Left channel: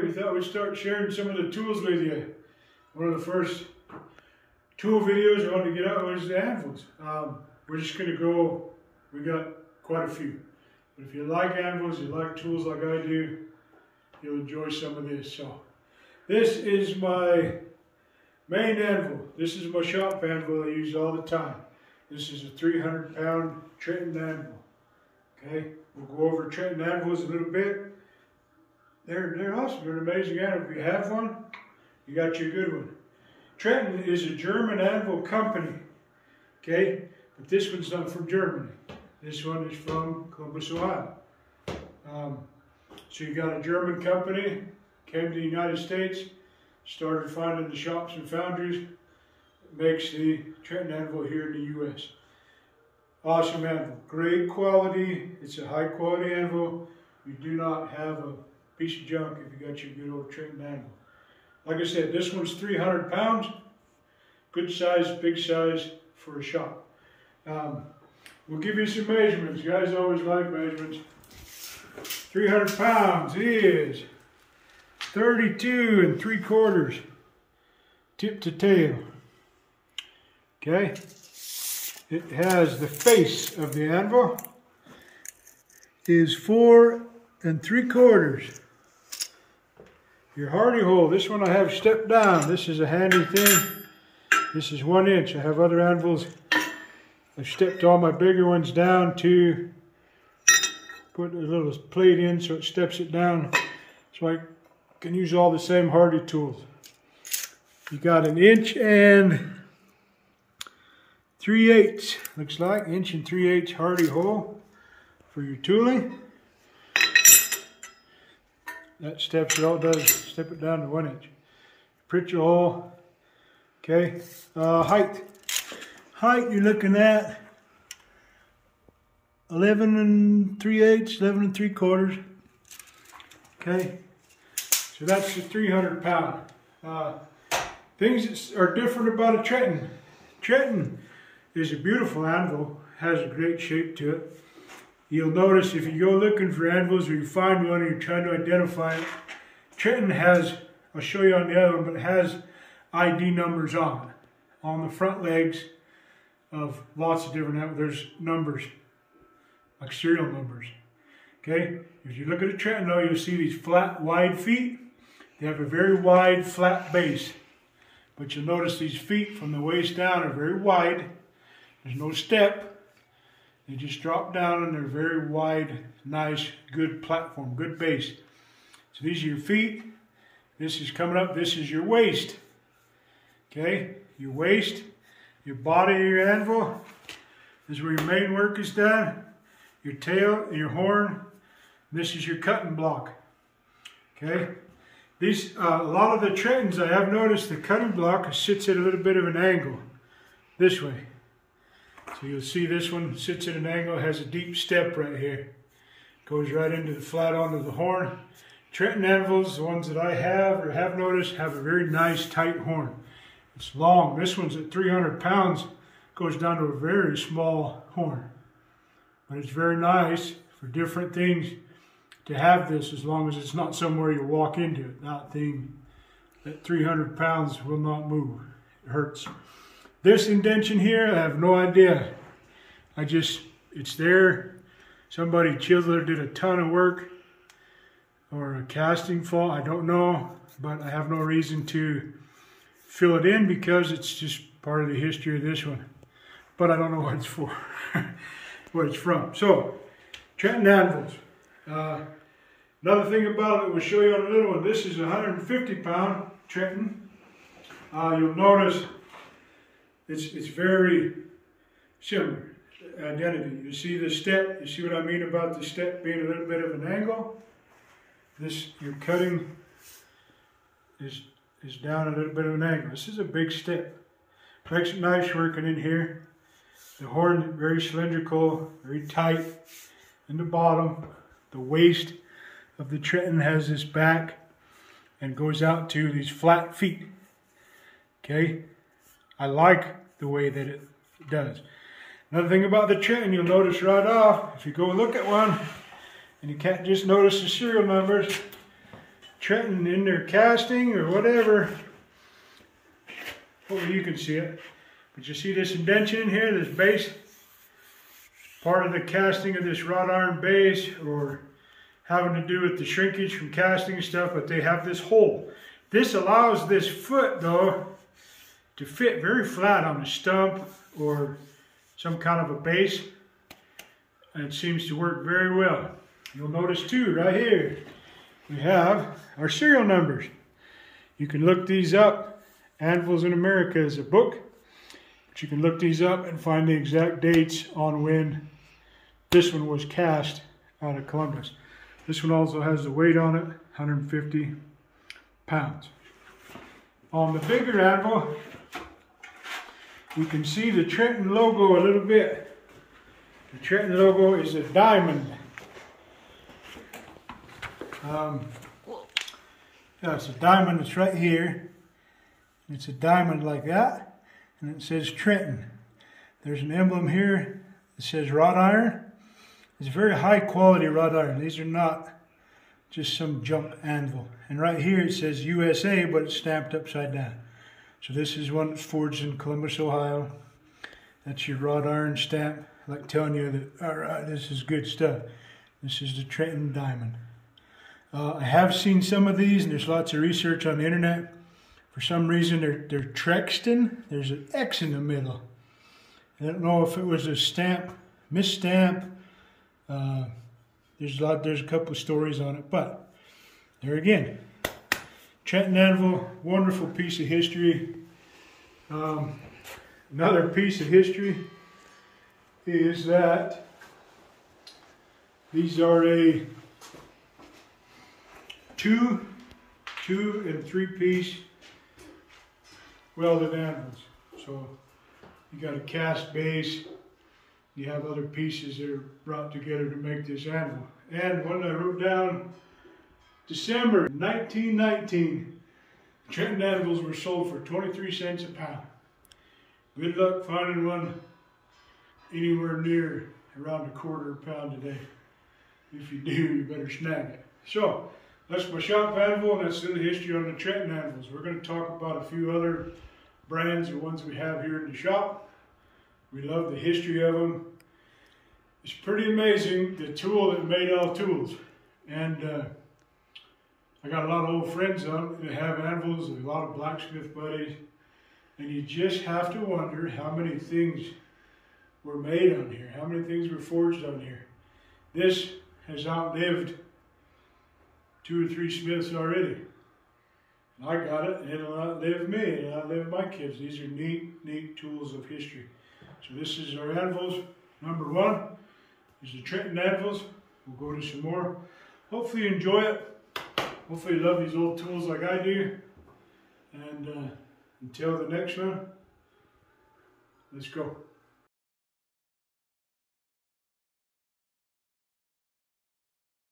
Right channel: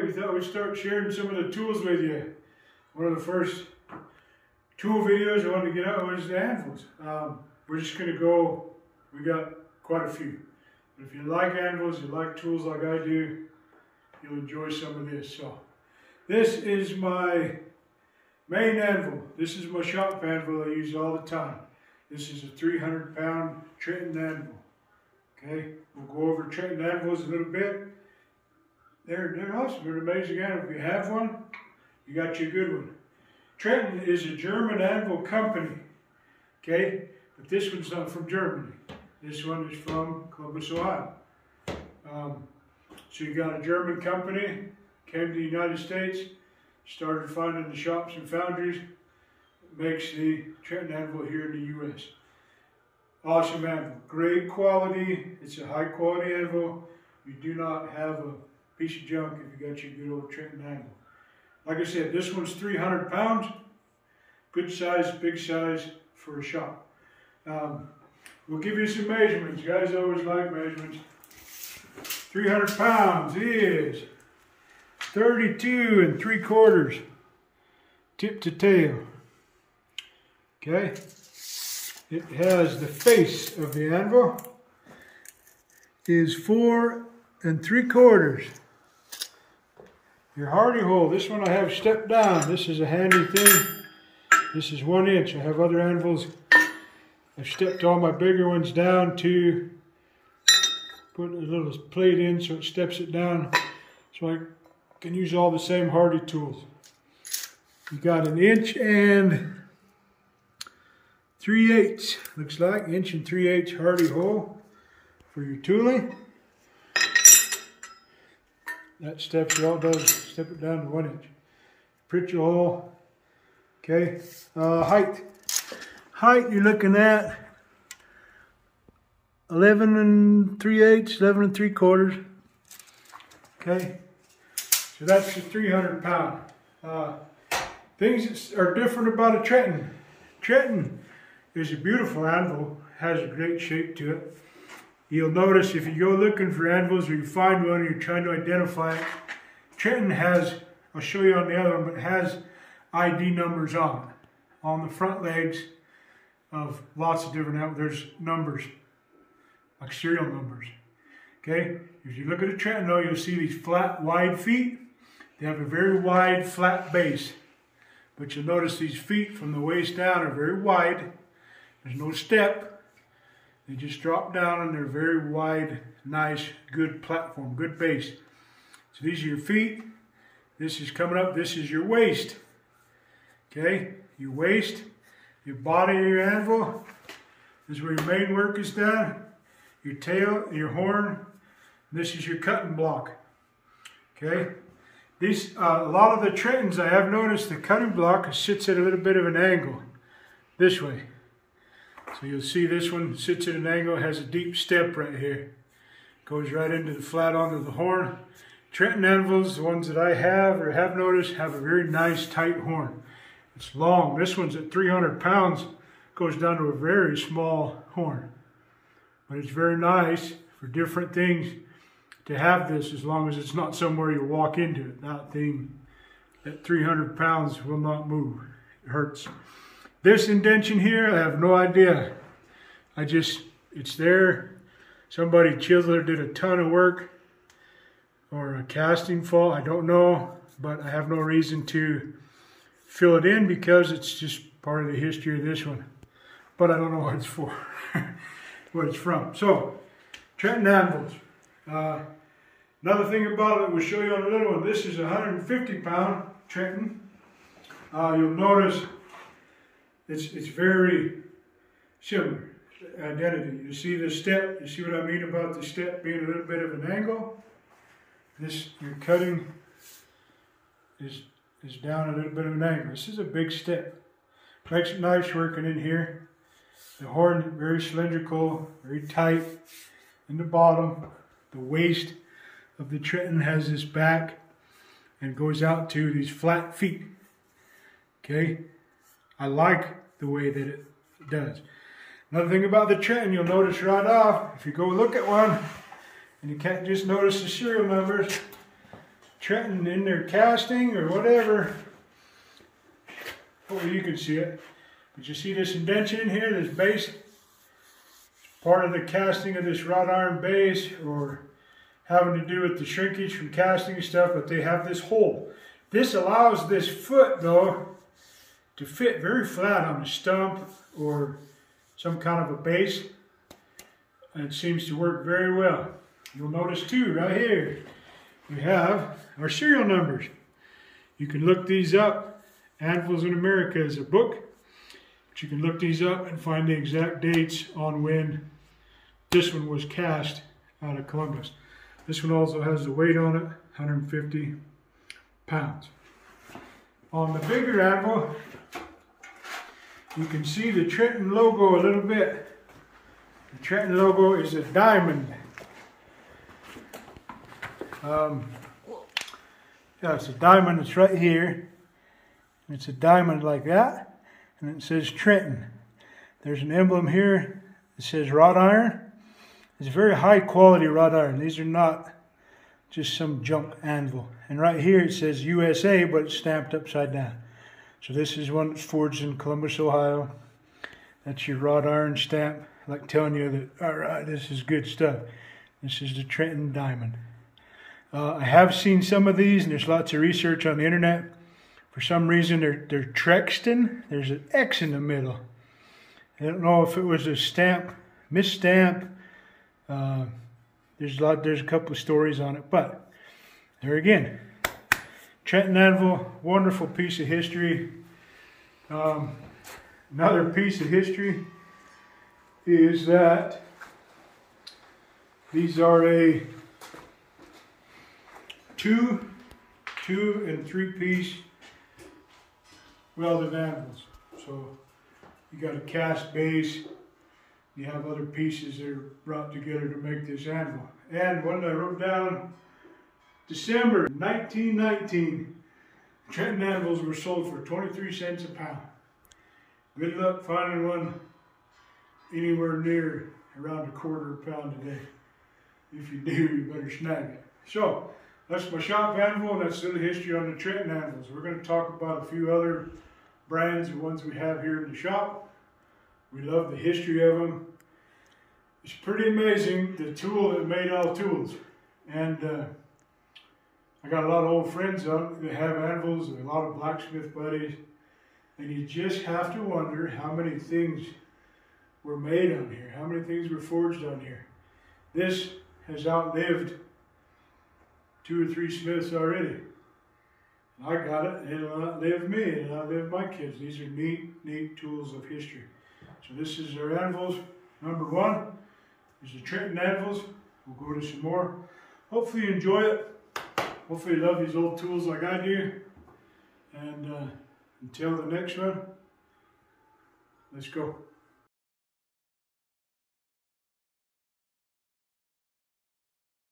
We thought we'd start sharing some of the tools with you. One of the first tool videos I wanted to get out was the anvils. We're just going to go, we got quite a few. But if you like anvils, you like tools like I do, you'll enjoy some of this. So this is my main anvil. This is my shop anvil I use all the time. This is a 300-pound Trenton anvil. Okay, we'll go over Trenton anvils a little bit. They're awesome. They're an amazing anvil. If you have one, you got you a good one. Trenton is a German anvil company. Okay, but this one's not from Germany. This one is from Columbus, Ohio. So you got a German company, came to the United States, started finding the shops and foundries, makes the Trenton anvil here in the U.S. Awesome anvil, great quality. It's a high quality anvil. You do not have a piece of junk if you got your good old Trenton anvil. Like I said, this one's 300 pounds. Good size, big size for a shop. We'll give you some measurements. You guys always like measurements. 300 pounds is 32 3/4 tip to tail. Okay. It has the face of the anvil is 4 3/4. Your hardy hole, this one I have stepped down. This is a handy thing. This is 1 inch. I have other anvils. I've stepped all my bigger ones down to put a little plate in so it steps it down. So I can use all the same hardy tools. You got 1 inch and 3/8. Looks like 1 3/8 hardy hole for your tooling. That steps it all does, step it down to 1 inch. Prick your hole. Okay. Height. Height, you're looking at 11 3/8, 11 3/4. Okay. So that's the 300 pound. Things that are different about a Trenton. Trenton is a beautiful anvil, has a great shape to it. You'll notice if you go looking for anvils or you find one and you're trying to identify it, Trenton has, I'll show you on the other one, but it has ID numbers on it. On the front legs of lots of different anvils, there's numbers, like serial numbers. Okay, if you look at a Trenton though, you'll see these flat, wide feet. They have a very wide, flat base. But you'll notice these feet from the waist down are very wide. There's no step. They just drop down and they're very wide, nice, good platform, good base. So these are your feet. This is coming up. This is your waist. Okay, your waist, your body of your anvil. This is where your main work is done. Your tail, your horn. This is your cutting block. Okay. These, a lot of the Trentons, I have noticed the cutting block sits at a little bit of an angle, this way. So you'll see this one sits at an angle, has a deep step right here. Goes right into the flat onto the horn. Trenton anvils, the ones that I have or have noticed, have a very nice tight horn. It's long. This one's at 300 pounds, goes down to a very small horn. But it's very nice for different things to have this, as long as it's not somewhere you walk into it. That thing at 300 pounds will not move. It hurts. This indention here, I have no idea. It's there. Somebody chiseled did a ton of work, or a casting fault, I don't know, but I have no reason to fill it in because it's just part of the history of this one. But I don't know what it's for, what it's from. So, Trenton anvils. Another thing about it, we'll show you on a little one. This is a 150-pound Trenton. You'll notice it's very similar identity. You see the step. You see what I mean about the step being a little bit of an angle. This, your cutting is down a little bit of an angle. This is a big step. Makes it nice working in here. The horn very cylindrical, very tight in the bottom. The waist of the Trenton has this back and goes out to these flat feet. Okay, I like the way that it does. Another thing about the Trenton, you'll notice right off, if you go look at one, and you can't just notice the serial numbers, Trenton in their casting or whatever. Hopefully you can see it. But you see this indentation here, this base? Part of the casting of this wrought iron base, or having to do with the shrinkage from casting and stuff, but they have this hole. This allows this foot, though, to fit very flat on a stump or some kind of a base. And it seems to work very well. You'll notice too, right here, we have our serial numbers. You can look these up. Anvils in America is a book. But you can look these up and find the exact dates on when this one was cast out of Columbus. This one also has the weight on it, 150 pounds. On the bigger anvil, you can see the Trenton logo a little bit. The Trenton logo is a diamond. Yeah, it's a diamond. It's right here. It's a diamond like that, and it says Trenton. There's an emblem here that says wrought iron. It's very high quality wrought iron. These are not just some junk anvil. And right here it says USA, but it's stamped upside down. So this is one that's forged in Columbus, Ohio. That's your wrought iron stamp, like telling you that, all right, this is good stuff. This is the Trenton diamond. I have seen some of these, and there's lots of research on the internet. For some reason, they're Trexton. There's an X in the middle. I don't know if it was a stamp, misstamp. There's a couple of stories on it, but there again, Trenton anvil, wonderful piece of history. Another piece of history is that these are a two and three piece welded anvils. So you got a cast base. You have other pieces that are brought together to make this anvil. And one I wrote down, December 1919, Trenton anvils were sold for 23 cents a pound. Good luck finding one anywhere near around a quarter pound today. If you do, you better snag it. So, that's my shop anvil, and that's the history on the Trenton anvils. We're going to talk about a few other brands, the ones we have here in the shop. We love the history of them. It's pretty amazing, the tool that made all tools. And I got a lot of old friends that have anvils, and a lot of blacksmith buddies. And you just have to wonder how many things were made on here, how many things were forged on here. This has outlived 2 or 3 smiths already. And I got it, and it'll outlive me, and it'll outlive my kids. These are neat tools of history. So this is our anvils. Number 1 is the Trenton anvils. We'll go to some more. Hopefully you enjoy it. Hopefully you love these old tools like I do. And until the next one, let's go.